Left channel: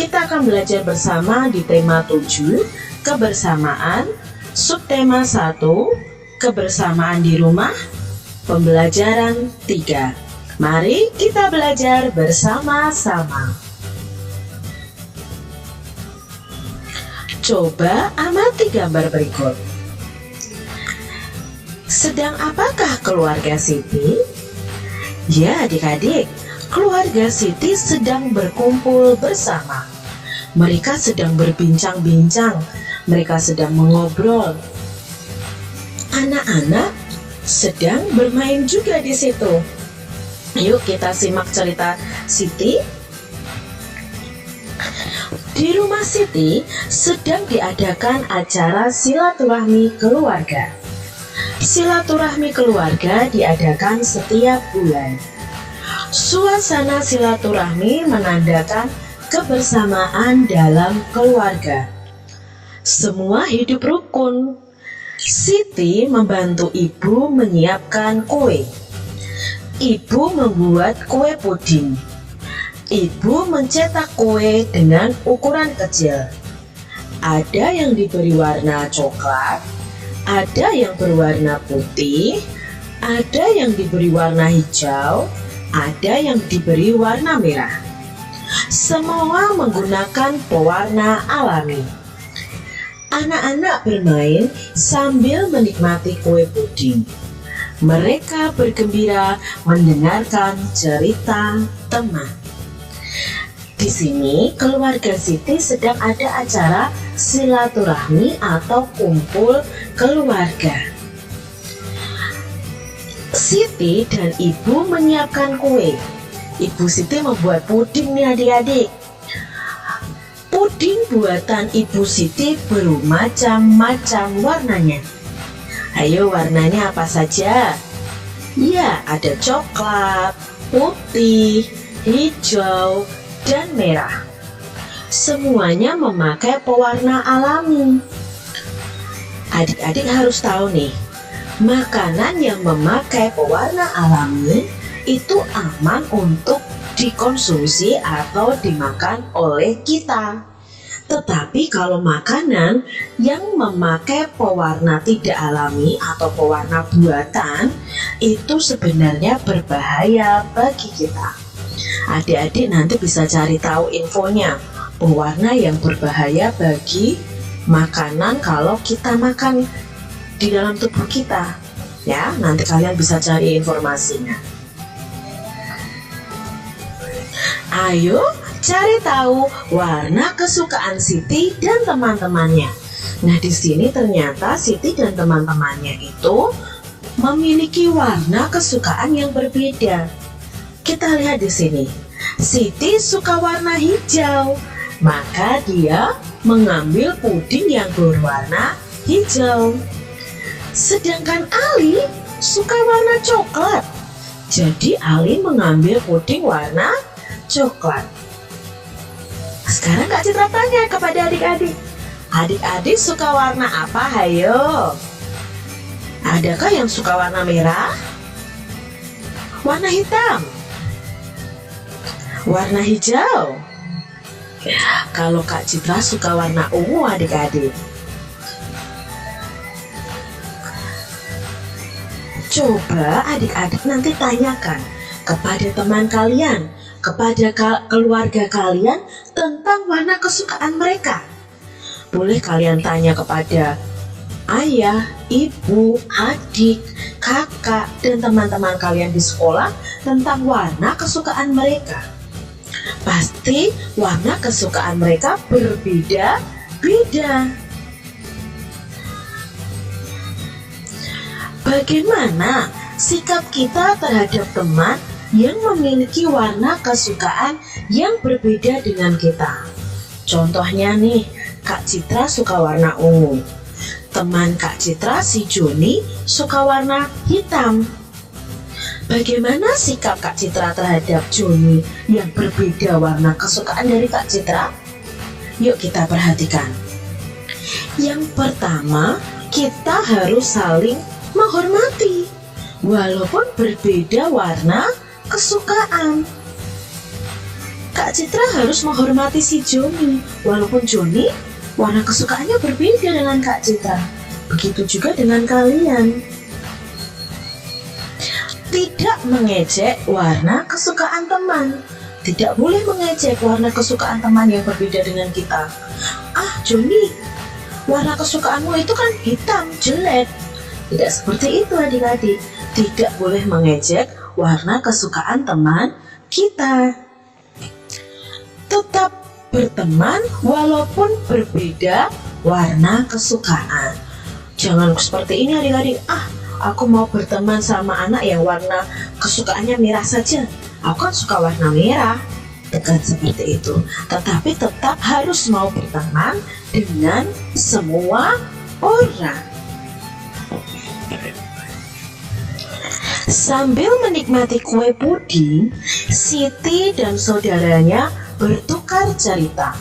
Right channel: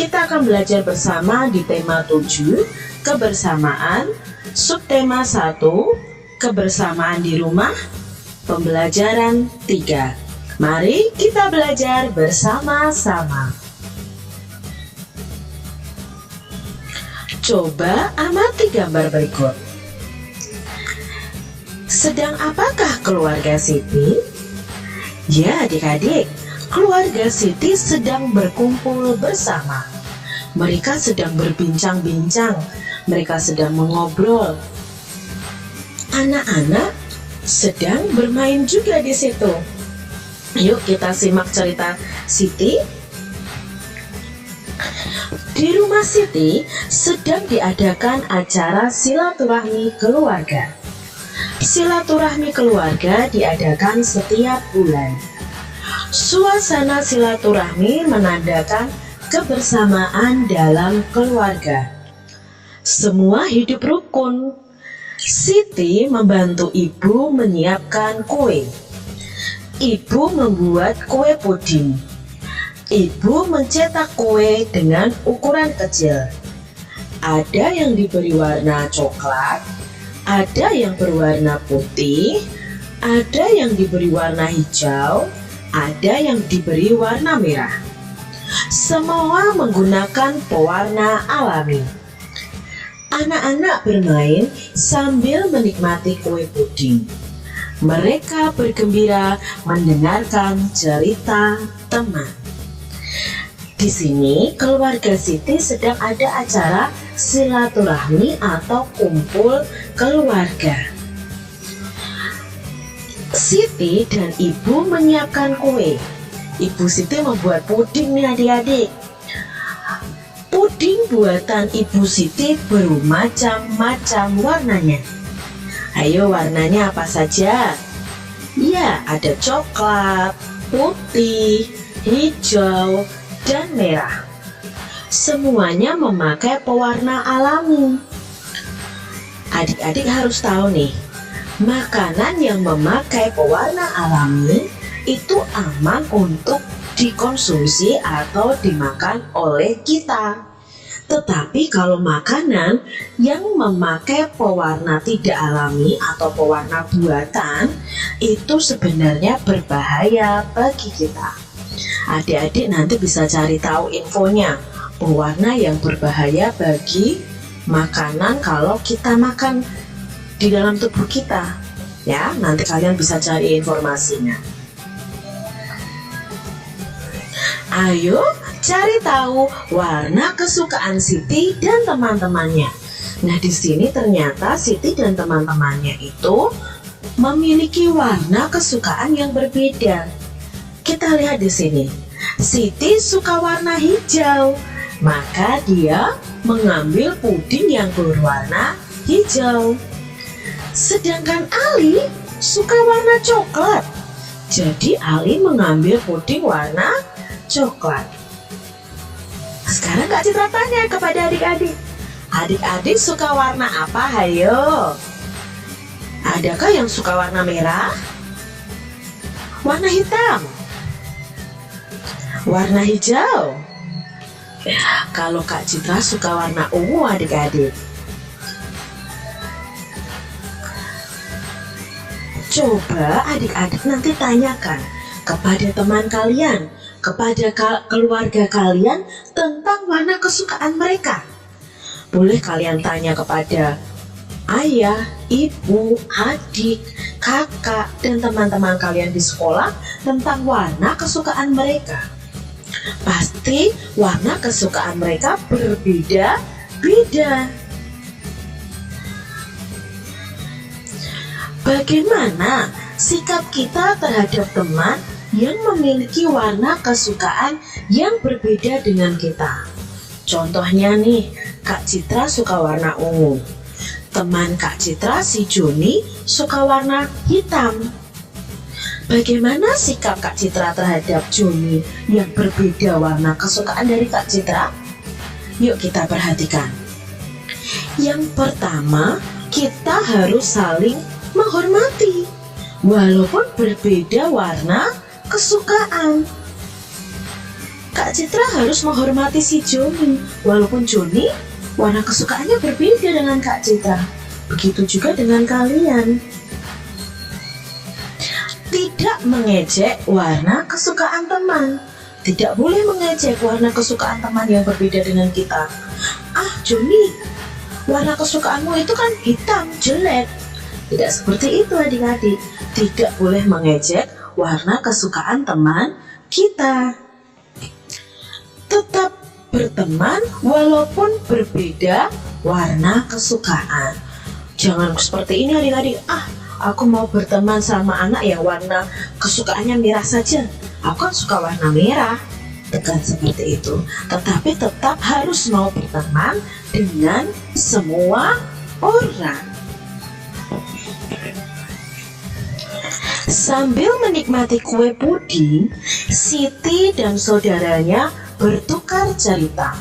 kita akan belajar bersama di tema 7, kebersamaan, subtema 1, kebersamaan di rumah, pembelajaran 3. Mari kita belajar bersama-sama. Coba amati gambar berikut. Sedang apakah keluarga Siti? Ya, adik-adik, keluarga Siti sedang berkumpul bersama. Mereka sedang berbincang-bincang, mereka sedang mengobrol. Anak-anak sedang bermain juga di situ. Yuk kita simak cerita Siti. Di rumah Siti sedang diadakan acara silaturahmi keluarga. Silaturahmi keluarga diadakan setiap bulan. Suasana silaturahmi menandakan kebersamaan dalam keluarga. Semua hidup rukun. Siti membantu ibu menyiapkan kue. Ibu membuat kue puding. Ibu mencetak kue dengan ukuran kecil. Ada yang diberi warna coklat, ada yang berwarna putih, ada yang diberi warna hijau, ada yang diberi warna merah. Semua menggunakan pewarna alami. Anak-anak bermain sambil menikmati kue puding. Mereka bergembira mendengarkan cerita teman. Di sini keluarga Siti sedang ada acara silaturahmi atau kumpul keluarga. Siti dan ibu menyiapkan kue. Ibu Siti membuat puding nih adik-adik. Puding buatan Ibu Siti bermacam-macam warnanya. Ayo, warnanya apa saja? Ya, ada coklat, putih, hijau, dan merah. Semuanya memakai pewarna alami. Adik-adik harus tahu nih, makanan yang memakai pewarna alami itu aman untuk dikonsumsi atau dimakan oleh kita. Tetapi kalau makanan yang memakai pewarna tidak alami atau pewarna buatan itu sebenarnya berbahaya bagi kita. Adik-adik nanti bisa cari tahu infonya, pewarna yang berbahaya bagi makanan kalau kita makan di dalam tubuh kita. Ya, nanti kalian bisa cari informasinya. Ayo cari tahu warna kesukaan Siti dan teman-temannya. Nah, di sini ternyata Siti dan teman-temannya itu memiliki warna kesukaan yang berbeda. Kita lihat di sini. Siti suka warna hijau, maka dia mengambil puding yang berwarna hijau. Sedangkan Ali suka warna coklat. Jadi Ali mengambil puding warna coklat. Sekarang Kak Citra tanya kepada adik-adik. Adik-adik suka warna apa? Hayo. Adakah yang suka warna merah? Warna hitam? Warna hijau? Kalau Kak Citra suka warna ungu adik-adik. Coba adik-adik nanti tanyakan kepada teman kalian, kepada keluarga kalian tentang warna kesukaan mereka. Boleh kalian tanya kepada ayah, ibu, adik, kakak, dan teman-teman kalian di sekolah tentang warna kesukaan mereka. Pasti warna kesukaan mereka berbeda-beda. Bagaimana sikap kita terhadap teman yang memiliki warna kesukaan yang berbeda dengan kita? Contohnya nih, Kak Citra suka warna ungu. Teman Kak Citra si Joni suka warna hitam. Bagaimana sikap Kak Citra terhadap Joni yang berbeda warna kesukaan dari Kak Citra? Yuk kita perhatikan. Yang pertama, kita harus saling menghormati walaupun berbeda warna kesukaan. Kak Citra harus menghormati si Joni, walaupun Joni warna kesukaannya berbeda dengan Kak Citra. Begitu juga dengan kalian. Tidak mengejek warna kesukaan teman. Tidak boleh mengejek warna kesukaan teman yang berbeda dengan kita. Ah, Joni, warna kesukaanmu itu kan hitam, jelek. Tidak seperti itu adik-adik. Tidak boleh mengejek warna kesukaan teman kita. Tetap berteman walaupun berbeda warna kesukaan. Jangan seperti ini adik-adik. Ah, aku mau berteman sama anak yang warna kesukaannya merah saja. Aku kan suka warna merah. Bukan seperti itu. Tetapi tetap harus mau berteman dengan semua orang. Sambil menikmati kue puding, Siti dan saudaranya bertukar cerita.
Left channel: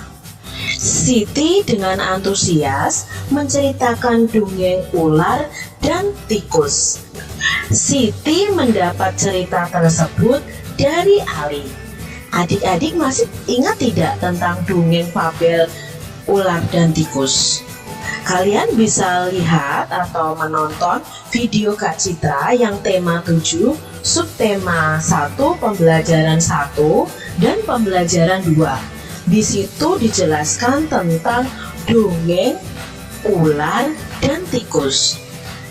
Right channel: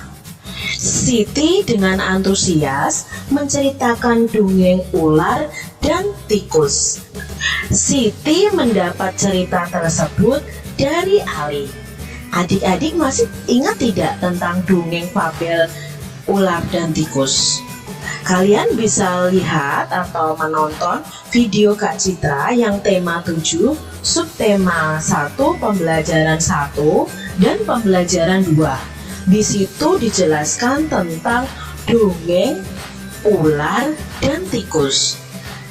Siti dengan antusias menceritakan dongeng ular dan tikus. Siti mendapat cerita tersebut dari Ali. Adik-adik masih ingat tidak tentang dongeng fabel ular dan tikus? Kalian bisa lihat atau menonton video Kak Citra yang tema 7, subtema 1, pembelajaran 1, dan pembelajaran 2. Di situ dijelaskan tentang dongeng ular dan tikus.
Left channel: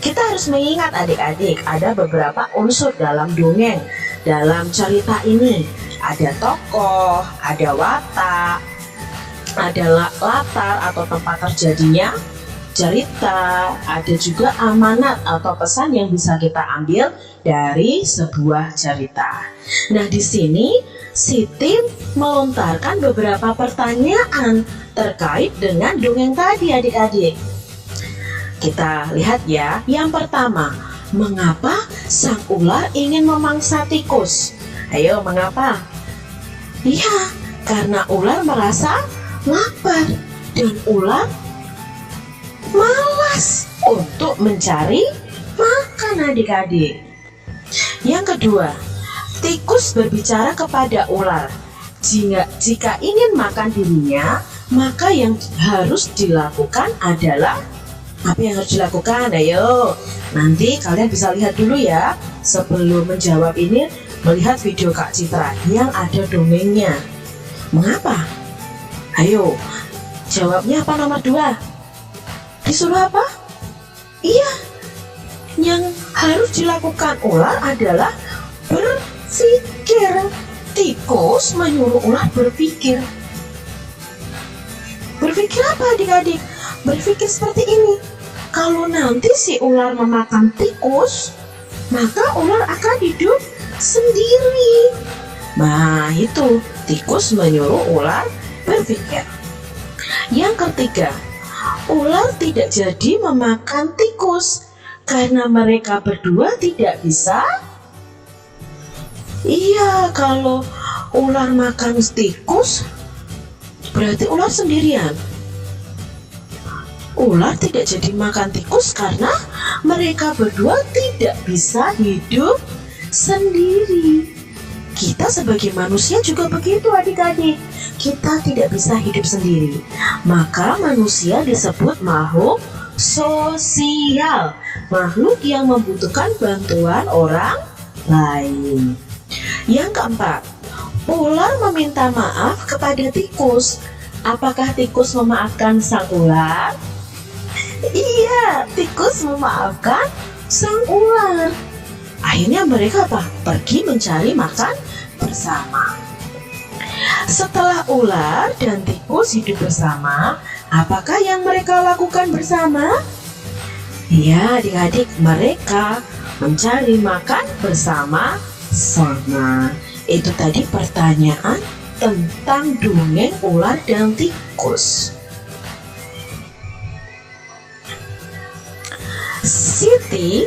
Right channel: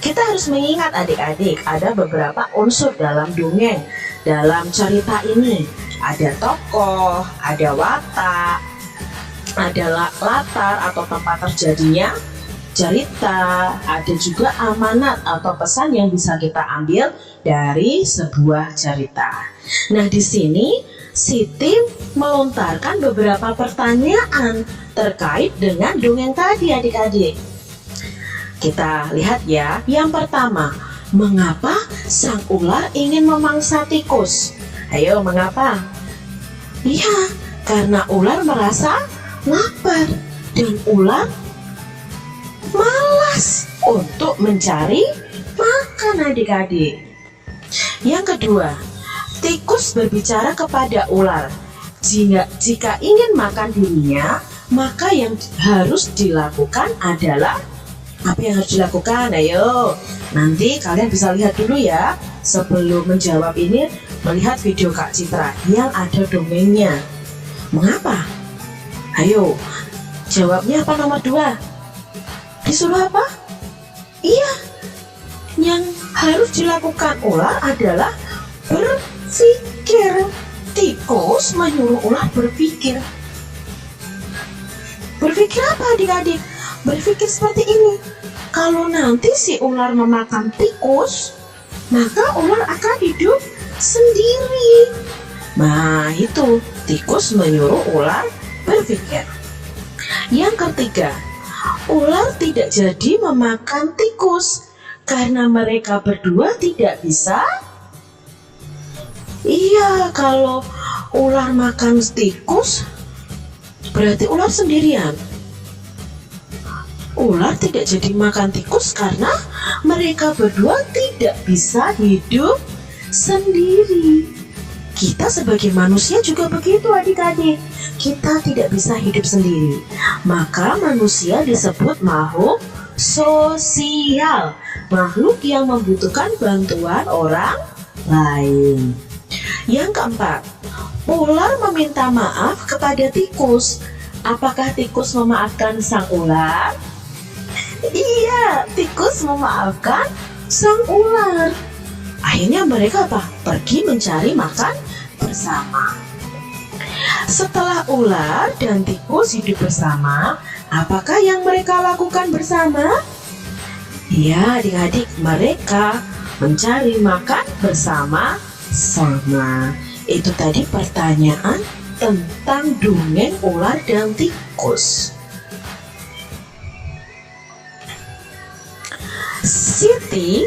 Kita harus mengingat adik-adik, ada beberapa unsur dalam dongeng. Dalam cerita ini ada tokoh, ada watak, ada latar atau tempat terjadinya cerita, ada juga amanat atau pesan yang bisa kita ambil dari sebuah cerita. Nah, di sini Siti melontarkan beberapa pertanyaan terkait dengan dongeng tadi adik-adik. Kita lihat ya. Yang pertama, mengapa sang ular ingin memangsa tikus? Ayo, mengapa? Iya, karena ular merasa lapar dan ular malas untuk mencari makan adik-adik. Yang kedua, tikus berbicara kepada ular. Jika ingin makan dirinya, maka yang harus dilakukan adalah apa yang harus dilakukan? Ayo, nanti kalian bisa lihat dulu ya. Sebelum menjawab ini, melihat video Kak Citra yang ada dongengnya. Mengapa? Ayo, jawabnya apa nomor 2? Disuruh apa? Iya, yang harus dilakukan ular adalah berpikir. Tikus menyuruh ular berpikir. Berpikir apa adik-adik? Berpikir seperti ini. Kalau nanti si ular memakan tikus, maka ular akan hidup sendiri. Nah, itu tikus menyuruh ular berpikir. Yang ketiga, ular tidak jadi memakan tikus karena mereka berdua tidak bisa. Iya, kalau ular makan tikus berarti ular sendirian. Ular tidak jadi makan tikus karena mereka berdua tidak bisa hidup sendiri. Kita sebagai manusia juga begitu adik-adik. Kita tidak bisa hidup sendiri. Maka manusia disebut makhluk sosial. Makhluk yang membutuhkan bantuan orang lain. Yang keempat, ular meminta maaf kepada tikus. Apakah tikus memaafkan sang ular? Iya, tikus memaafkan sang ular. Akhirnya mereka apa? Pergi mencari makan bersama. Setelah ular dan tikus hidup bersama, apakah yang mereka lakukan bersama? Ya, adik-adik, mereka mencari makan bersama-sama. Itu tadi pertanyaan tentang dongeng ular dan tikus. Siti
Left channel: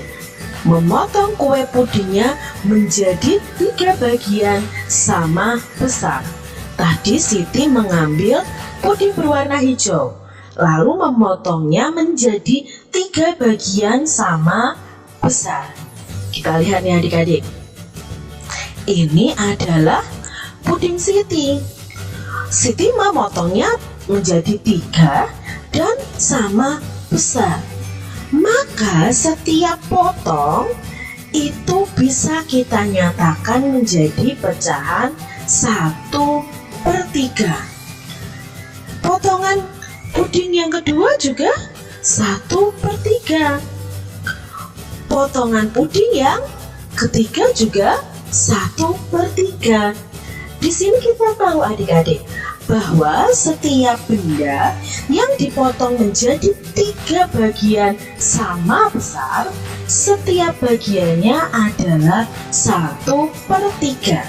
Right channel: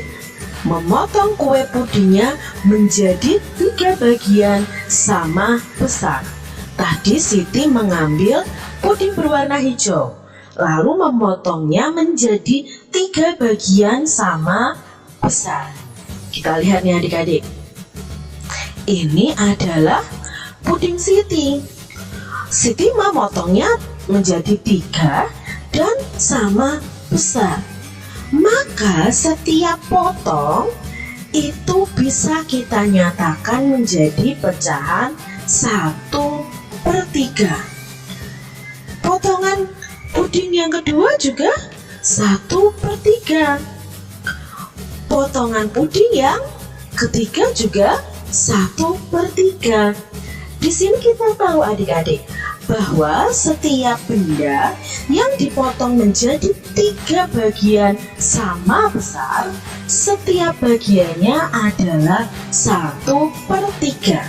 memotong kue pudingnya menjadi 3 bagian sama besar. Tadi Siti mengambil puding berwarna hijau, lalu memotongnya menjadi 3 bagian sama besar. Kita lihat nih adik-adik. Ini adalah puding Siti. Siti memotongnya menjadi 3 dan sama besar. Maka setiap potong itu bisa kita nyatakan menjadi pecahan 1/3. Potongan puding yang kedua juga 1/3. Potongan puding yang ketiga juga 1/3. Di sini kita tahu adik-adik bahwa setiap benda yang dipotong menjadi 3 bagian sama besar, setiap bagiannya adalah 1/3.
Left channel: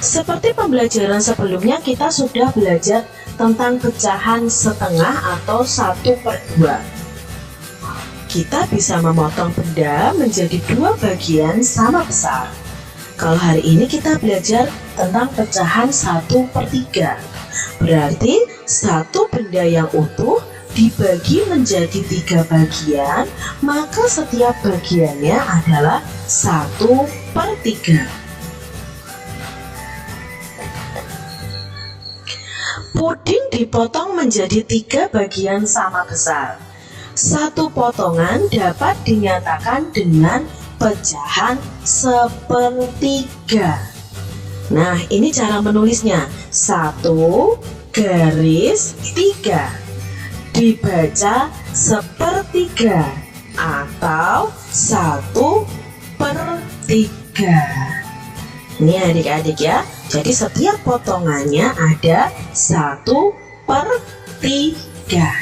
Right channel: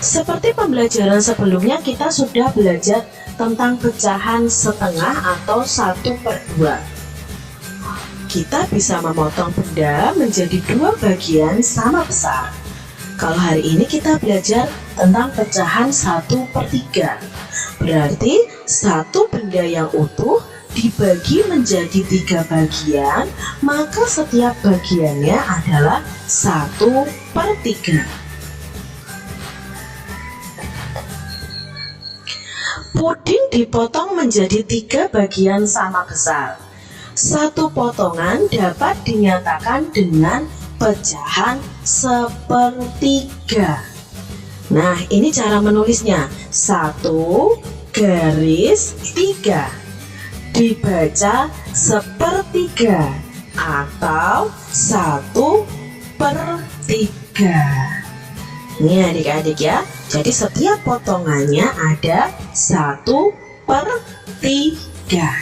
Seperti pembelajaran sebelumnya, kita sudah belajar tentang pecahan setengah atau 1/2. Kita bisa memotong benda menjadi 2 bagian sama besar. Kalau hari ini kita belajar tentang pecahan 1/3. Berarti satu benda yang utuh dibagi menjadi 3 bagian, maka setiap bagiannya adalah 1/3. Puding dipotong menjadi 3 bagian sama besar. Satu potongan dapat dinyatakan dengan pecahan 1/3. Nah, ini cara menulisnya. 1/3 dibaca 1/3 atau 1/3. Ini adik-adik ya. Jadi setiap potongannya ada 1/3.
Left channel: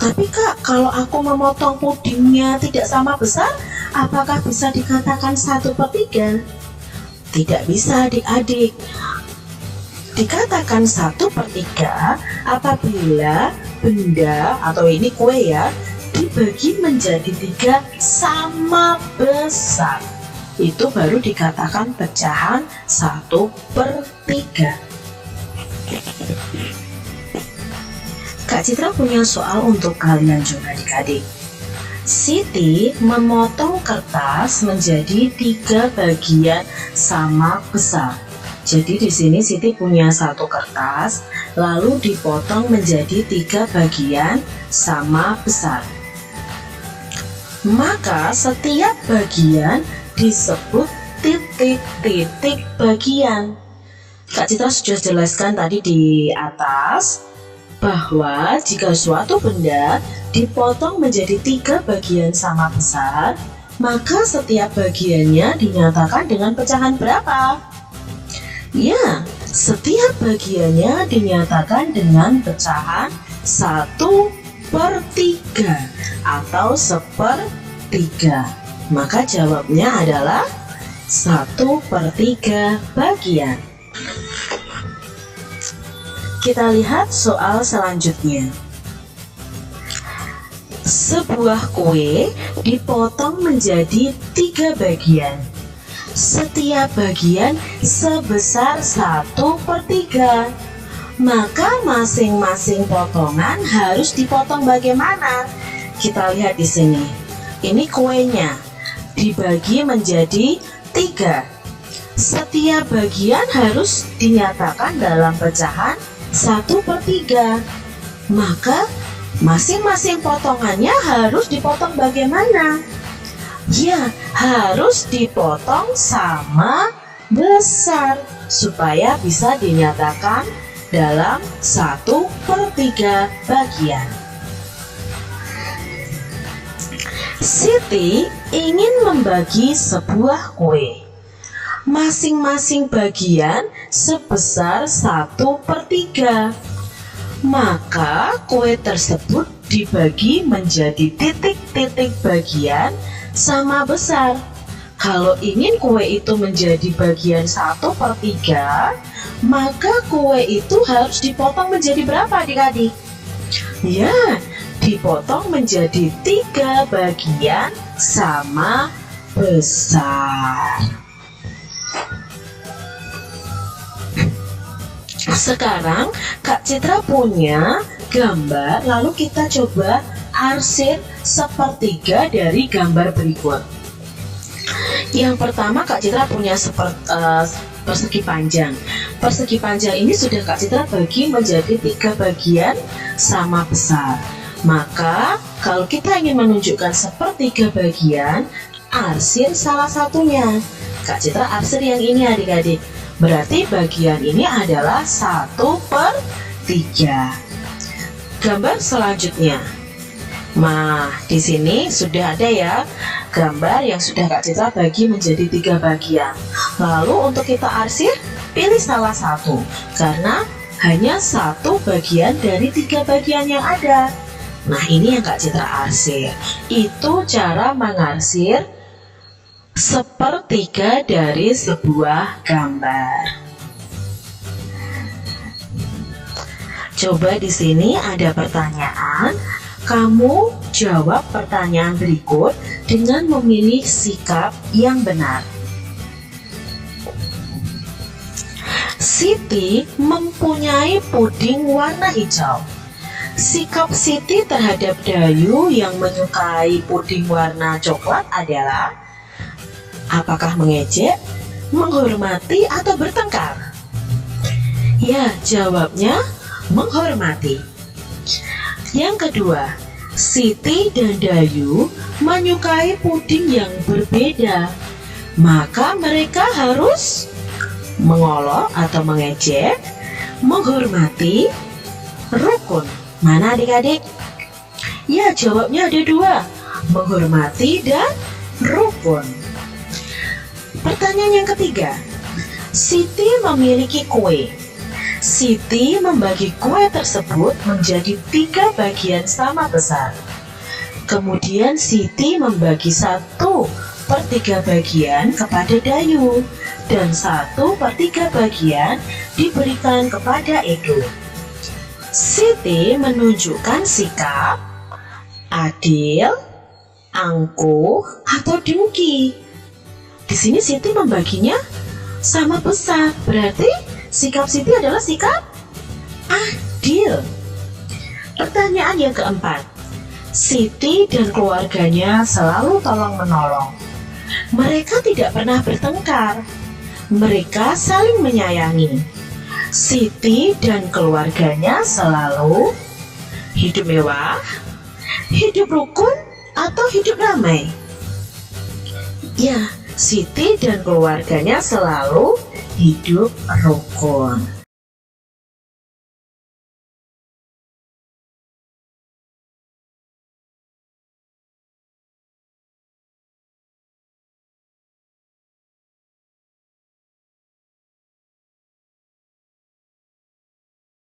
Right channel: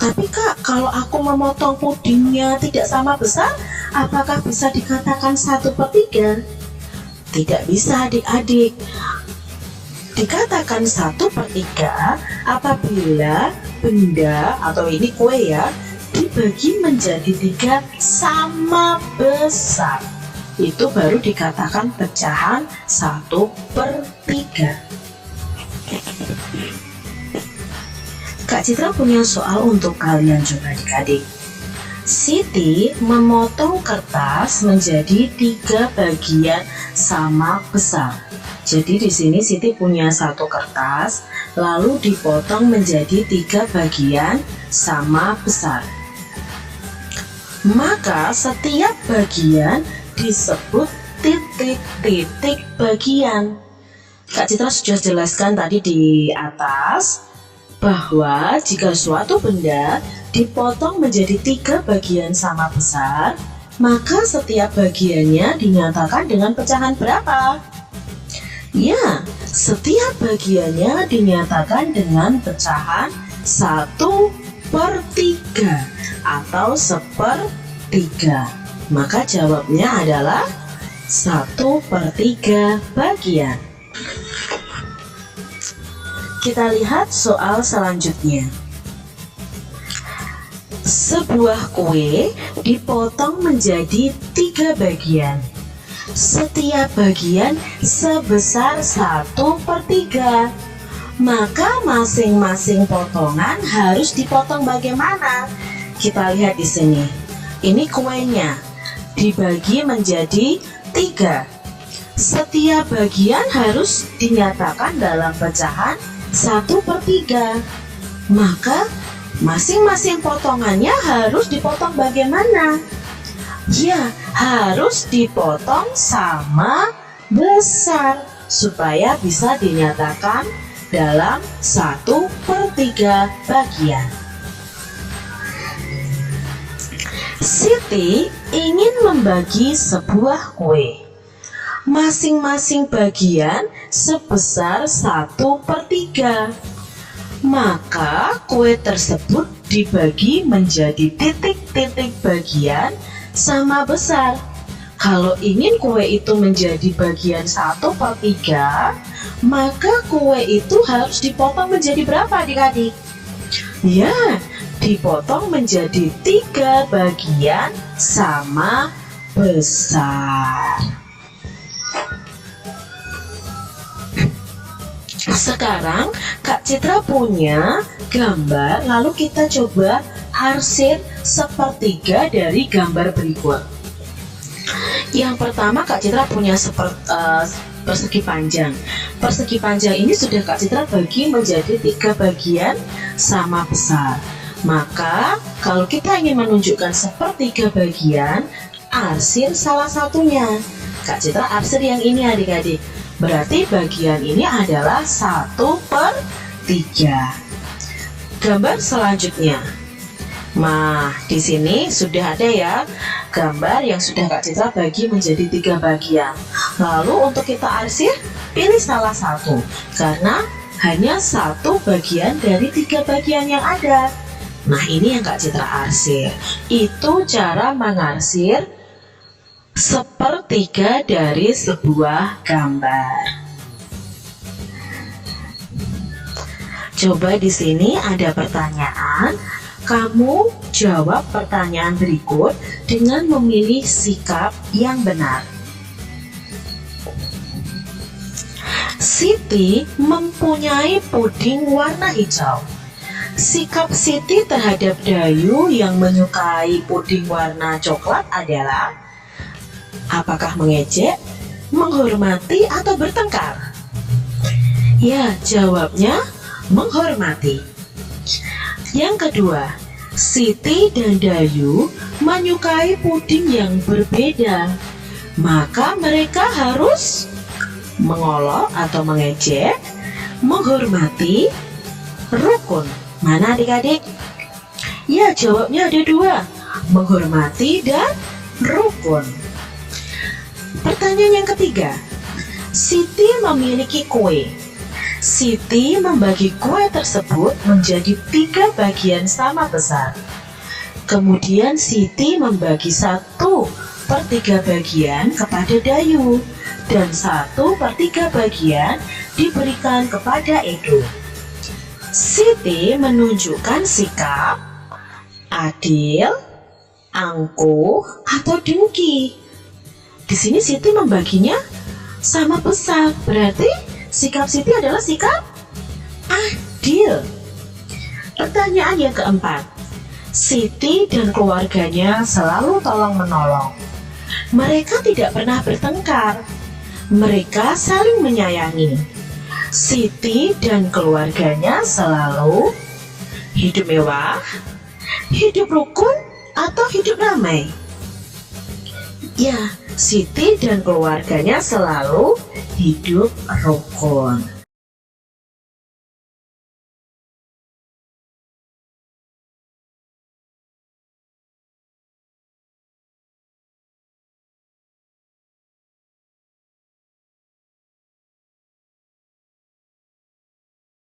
Tapi Kak, kalau aku memotong pudingnya tidak sama besar, apakah bisa dikatakan 1/3? Tidak bisa adik-adik. Dikatakan 1/3 apabila benda atau ini kue ya dibagi menjadi 3 sama besar. Itu baru dikatakan pecahan 1/3. Kak Citra punya soal untuk kalian juga adik-adik. Siti memotong kertas menjadi 3 bagian sama besar. Jadi di sini Siti punya 1 kertas, lalu dipotong menjadi 3 bagian sama besar. Maka setiap bagian disebut titik-titik bagian. Kak Citra sudah jelaskan tadi di atas bahwa jika suatu benda dipotong menjadi 3 bagian sama besar, maka setiap bagiannya dinyatakan dengan pecahan berapa? Ya, setiap bagiannya dinyatakan dengan pecahan 1/3 atau 1/3. Maka jawabnya adalah 1/3 bagian. Kita lihat soal selanjutnya. Sebuah kue dipotong menjadi 3 bagian. Setiap bagian sebesar 1/3. Maka masing-masing potongan harus dipotong bagaimana? Kita lihat di sini. Ini kuenya dibagi menjadi 3. Setiap bagian harus dinyatakan dalam pecahan 1/3. Maka masing-masing potongannya harus dipotong bagaimana? Ya, harus dipotong sama besar supaya bisa dinyatakan dalam 1/3 bagian. Siti ingin membagi sebuah kue. Masing-masing bagian sebesar 1/3. Maka kue tersebut dibagi menjadi titik-titik bagian sama besar. Kalau ingin kue itu menjadi bagian 1/3, maka kue itu harus dipotong menjadi berapa adik-adik? Ya, dipotong menjadi 3 bagian sama besar. Sekarang Kak Citra punya gambar, lalu kita coba arsip 1/3 dari gambar berikut. Yang pertama Kak Citra punya persegi panjang. Persegi panjang ini sudah Kak Citra bagi menjadi 3 bagian sama besar. Maka kalau kita ingin menunjukkan sepertiga bagian, arsir salah satunya. Kak Citra arsir yang ini adik-adik. Berarti bagian ini adalah 1/3. Gambar selanjutnya. Nah, di sini sudah ada ya gambar yang sudah Kak Citra bagi menjadi 3 bagian. Lalu untuk kita arsir, pilih salah satu karena hanya 1 bagian dari 3 bagian yang ada. Nah, ini yang Kak Citra arsir. Itu cara mengarsir sepertiga dari sebuah gambar. Coba di sini ada pertanyaan. Kamu jawab pertanyaan berikut dengan memilih sikap yang benar. Siti mempunyai puding warna hijau. Sikap Siti terhadap Dayu yang menyukai puding warna coklat adalah: apakah mengejek, menghormati, atau bertengkar? Ya, jawabnya menghormati. Yang kedua, Siti dan Dayu menyukai puding yang berbeda. Maka mereka harus mengolok atau mengejek, menghormati, rukun. Mana adik-adik? Ya, jawabnya ada 2, menghormati dan rukun. Pertanyaan yang ketiga, Siti memiliki kue. Siti membagi kue tersebut menjadi 3 bagian sama besar. Kemudian Siti membagi 1/3 bagian kepada Dayu dan 1/3 bagian diberikan kepada Edo. Siti menunjukkan sikap adil, angkuh, atau dengki. Di sini Siti membaginya sama besar, berarti sikap Siti adalah sikap adil. Pertanyaan yang keempat, Siti dan keluarganya selalu tolong-menolong. Mereka tidak pernah bertengkar. Mereka saling menyayangi. Siti dan keluarganya selalu hidup mewah, hidup rukun, atau hidup ramai. Ya, Siti dan keluarganya selalu hidup rukun.